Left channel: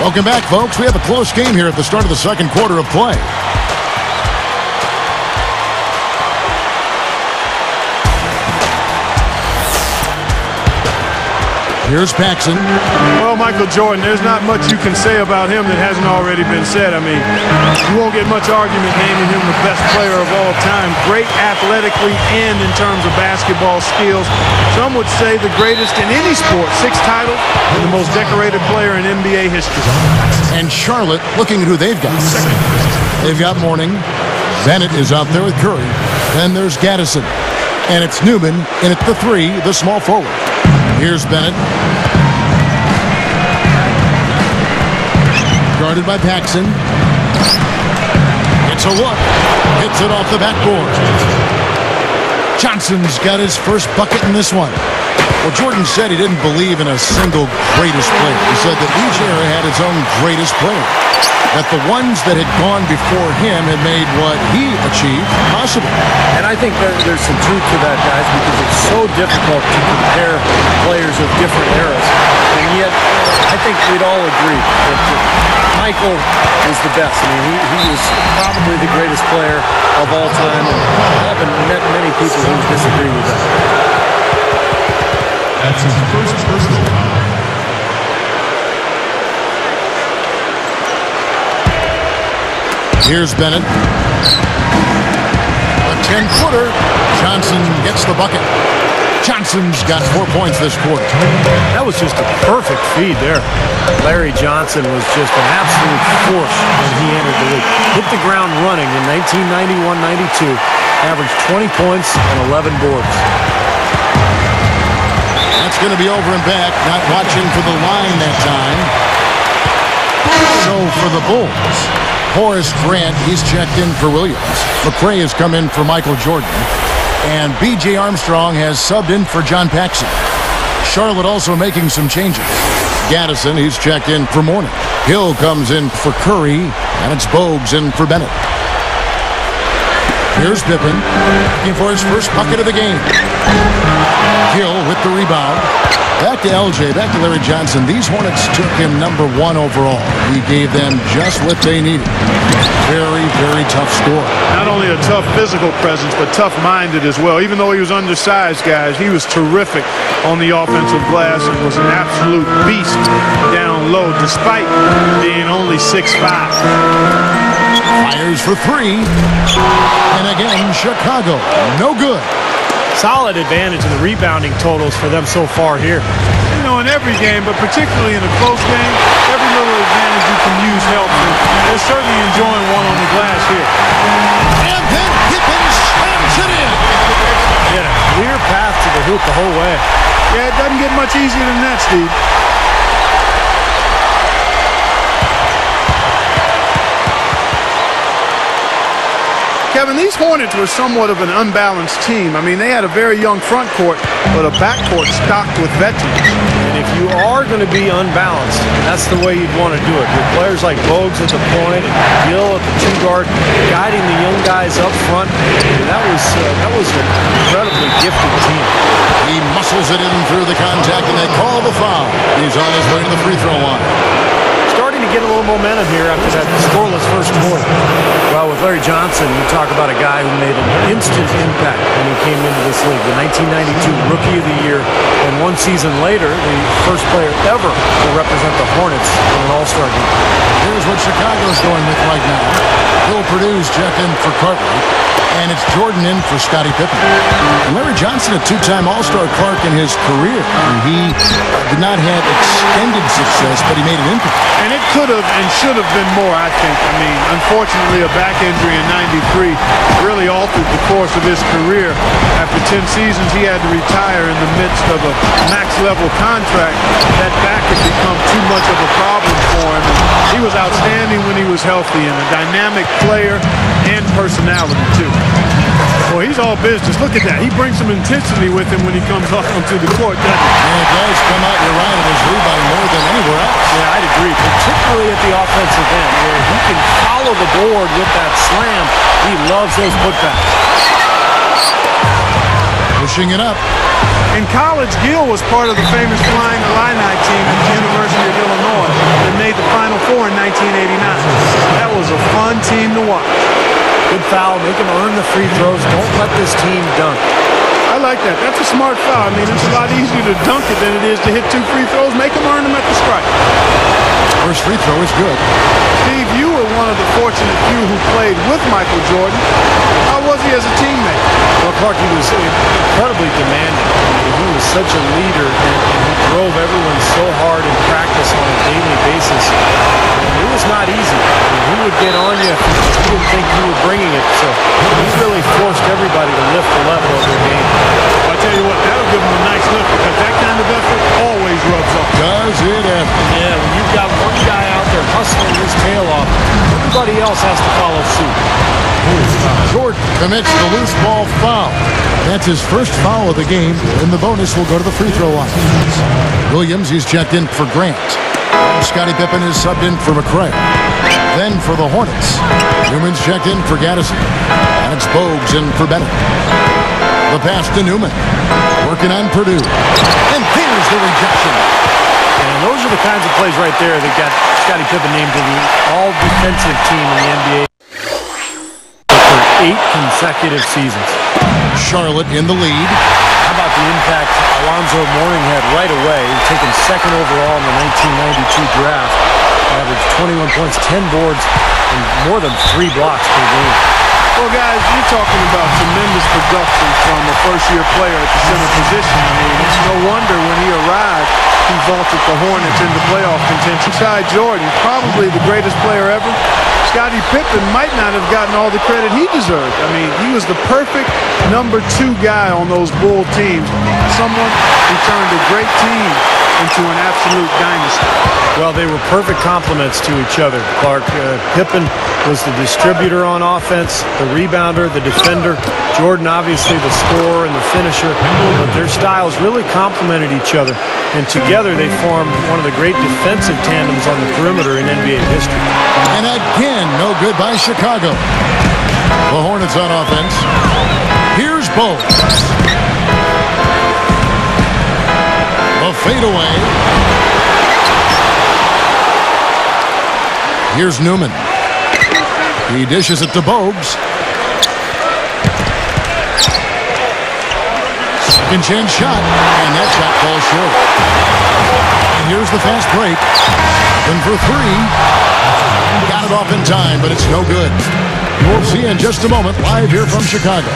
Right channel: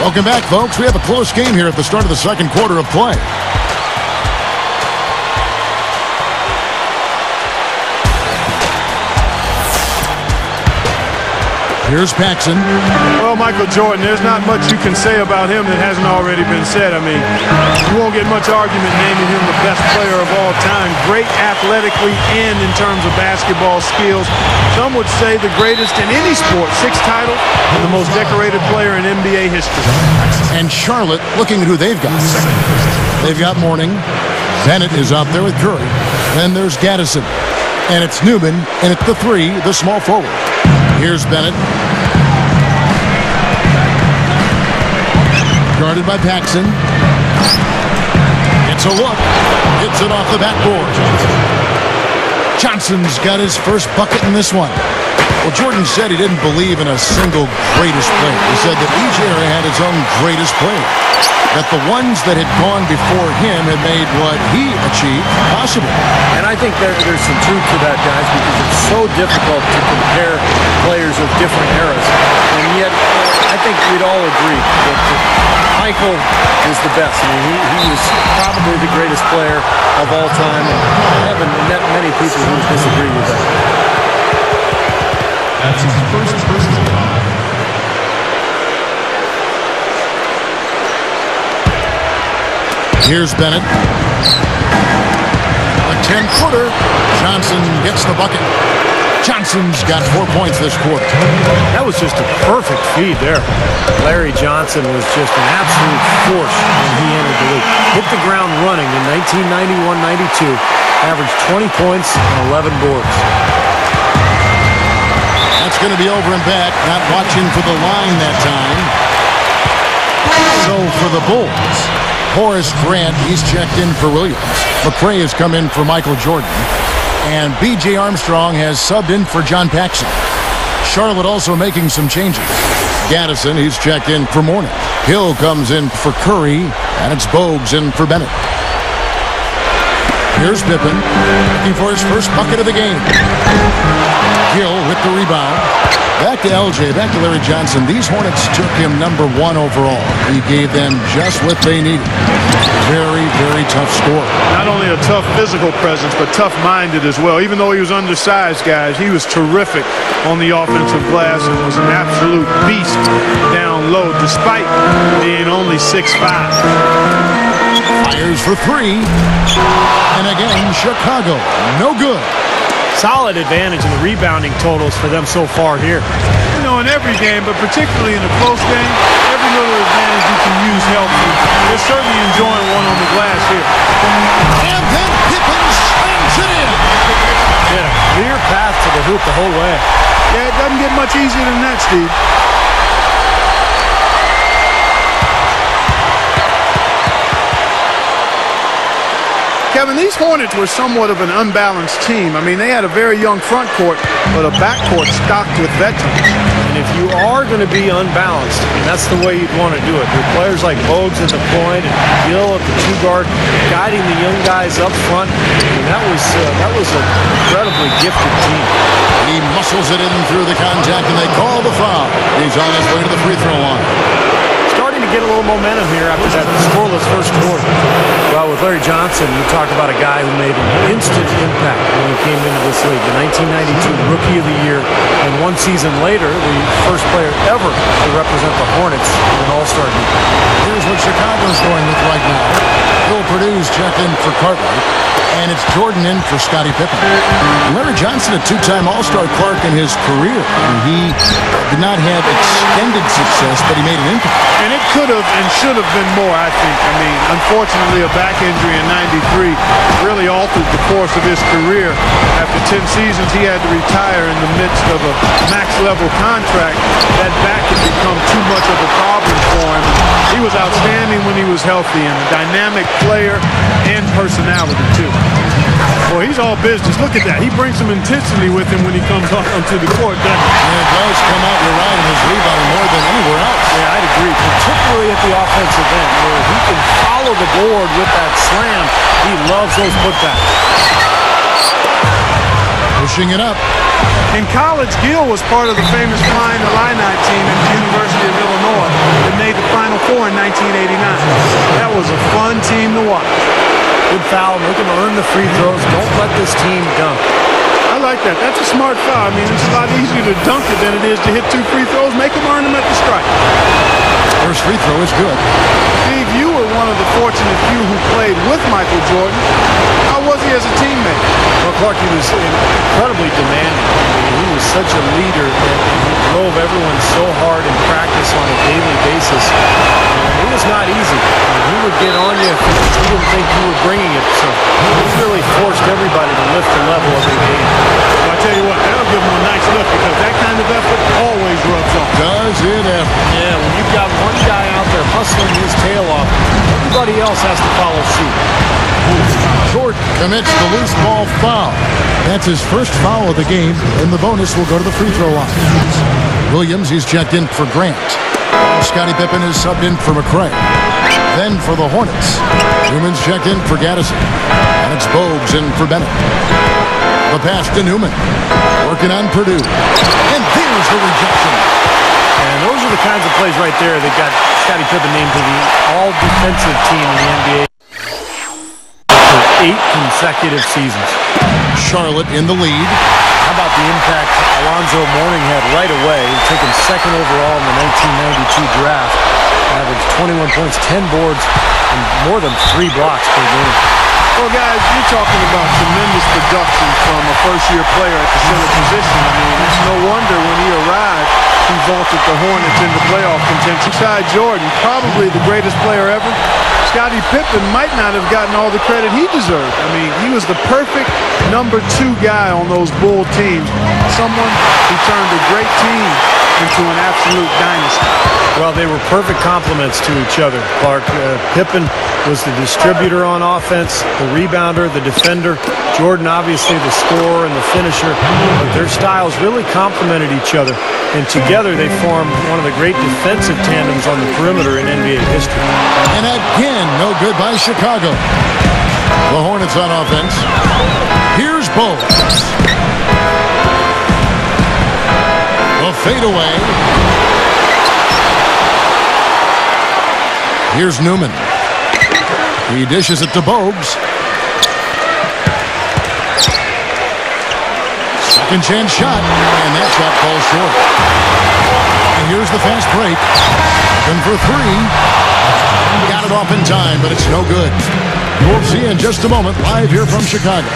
Welcome back, folks. We have a close game here at the start of the second quarter of play. Here's Paxson. Well, Michael Jordan, there's not much you can say about him that hasn't already been said. I mean, you won't get much argument naming him the best player of all time. Great athletically and in terms of basketball skills. Some would say the greatest in any sport. 6 titles and the most decorated player in NBA history. And Charlotte, looking at who they've got. They've got Mourning. Bennett is out there with Curry. Then there's Gaddison. And it's Newman in at the 3, the small forward. Here's Bennett. Guarded by Paxson. It's a look. Gets it off the backboard. Johnson's got his first bucket in this one. Well, Jordan said he didn't believe in a single greatest player. He said that each era had its own greatest player. That the ones that had gone before him had made what he achieved possible. And I think there's some truth to that, guys, because it's so difficult to compare players of different eras. And yet, I think we'd all agree that Michael was the best. I mean, he was probably the greatest player of all time, and I haven't met many people who would disagree with that. That's his first personal foul. Here's Bennett. A 10-footer. Johnson gets the bucket. Johnson's got 4 points this quarter. That was just a perfect feed there. Larry Johnson was just an absolute force when he entered the league. Hit the ground running in 1991-92. Averaged 20 points and 11 boards. That's going to be over and back. Not watching for the line that time. So for the Bulls, Horace Grant, he's checked in for Williams. McRae has come in for Michael Jordan. And B.J. Armstrong has subbed in for John Paxson. Charlotte also making some changes. Gaddison, he's checked in for Mourning. Hill comes in for Curry. And it's Bogues in for Bennett. Here's Pippen, looking for his first bucket of the game. Gill with the rebound. Back to LJ, back to Larry Johnson. These Hornets took him number 1 overall. He gave them just what they needed. Very, very tough scorer. Not only a tough physical presence, but tough-minded as well. Even though he was undersized, guys, he was terrific on the offensive glass and was an absolute beast down low, despite being only 6'5". Fires for 3. And again, Chicago, no good. Solid advantage in the rebounding totals for them so far here. You know, in every game, but particularly in a close game, every little advantage you can use helps, and they're certainly enjoying one on the glass here. And then Pippen slams it in. He had a clear path to the hoop the whole way. Yeah, it doesn't get much easier than that, Steve. Kevin, these Hornets were somewhat of an unbalanced team. I mean, they had a very young front court, but a backcourt stocked with veterans. And if you are going to be unbalanced, and that's the way you'd want to do it, with players like Bogues at the point and Gill at the 2 guard, guiding the young guys up front, I mean, that was an incredibly gifted team. He muscles it in through the contact, and they call the foul. He's on his way to the free throw line. Starting to get a little momentum here after that scoreless first quarter. Well, with Larry Johnson, you talk about a guy who made an instant impact when he came into this league. The 1992 Rookie of the Year, and 1 season later, the first player ever to represent the Hornets in an All-Star game. Here's what Chicago's going with right now. Bill Purdue's checked in for Cartwright, and it's Jordan in for Scottie Pippen. And Larry Johnson, a 2-time All-Star Clark in his career. I mean, he did not have extended success, but he made an impact. And it could have and should have been more, I think. I mean, unfortunately, a back injury in '93 really altered the course of his career. After 10 seasons, he had to retire in the midst of a max-level contract. That back had become too much of a problem for him. And he was outstanding when he was healthy, and a dynamic player and personality, too. Well, he's all business. Look at that. He brings some intensity with him when he comes onto the court, doesn't he? And it does come out, you're right, in his rebounding more than anywhere else. Yeah, I'd agree, particularly at the offensive end, where he can follow the board with that slam. He loves those putbacks. Pushing it up. In college, Gill was part of the famous Flying Illini team at the University of Illinois that made the Final Four in 1989. That was a fun team to watch. Good foul. Make him earn the free throws. Don't let this team dunk. I like that. That's a smart foul. I mean, it's a lot easier to dunk it than it is to hit 2 free throws. Make them earn them at the stripe. First free throw is good. Steve, you were one of the fortunate few who played with Michael Jordan. How was he as a teammate? Well, Clark, he was incredibly demanding. I mean, he was such a leader, and he drove everyone so hard in practice on a daily basis. And it was not easy. I mean, he would get on you if he didn't think you were bringing it. So he really forced everybody to lift the level of their game. Well, I tell you what, that'll give him a nice lift because that kind of effort always rubs off. Does it ever? Yeah, when you've got one guy out there hustling his tail off, everybody else has to follow suit. Jordan commits the loose ball foul. That's his first foul of the game, and the bonus will go to the free throw line. Williams, he's checked in for Grant. Scottie Pippen is subbed in for McRae. Then for the Hornets, Newman's checked in for Gaddison. And it's Bogues in for Bennett. The pass to Newman. Working on Purdue. And there's the rejection. And those are the kinds of plays right there that got Scottie Pippen named to the all-defensive team in the NBA for 8 consecutive seasons. Charlotte in the lead. How about the impact Alonzo Mourning had right away, taken second overall in the 1992 draft, averaged 21 points, 10 boards, and more than 3 blocks per game. Well, guys, you're talking about tremendous production from a first-year player at the center position. I mean, it's no wonder when he arrived, he vaulted the Hornets into playoff contention. Beside Jordan, probably the greatest player ever, Scottie Pippen might not have gotten all the credit he deserved. I mean, he was the perfect number 2 guy on those Bull teams, someone who turned a great team into an absolute dynasty. Well, they were perfect complements to each other, Clark. Pippen was the distributor on offense, the rebounder, the defender. Jordan, obviously, the scorer and the finisher. But their styles really complemented each other. And together, they formed one of the great defensive tandems on the perimeter in NBA history. And again, no good by Chicago. The Hornets on offense. Here's Bogues. The fadeaway. Here's Newman. He dishes it to Bogues. Second chance shot, and that shot falls short. And here's the fast break. Looking for 3. Got it off in time, but it's no good. We'll see you in just a moment, live here from Chicago.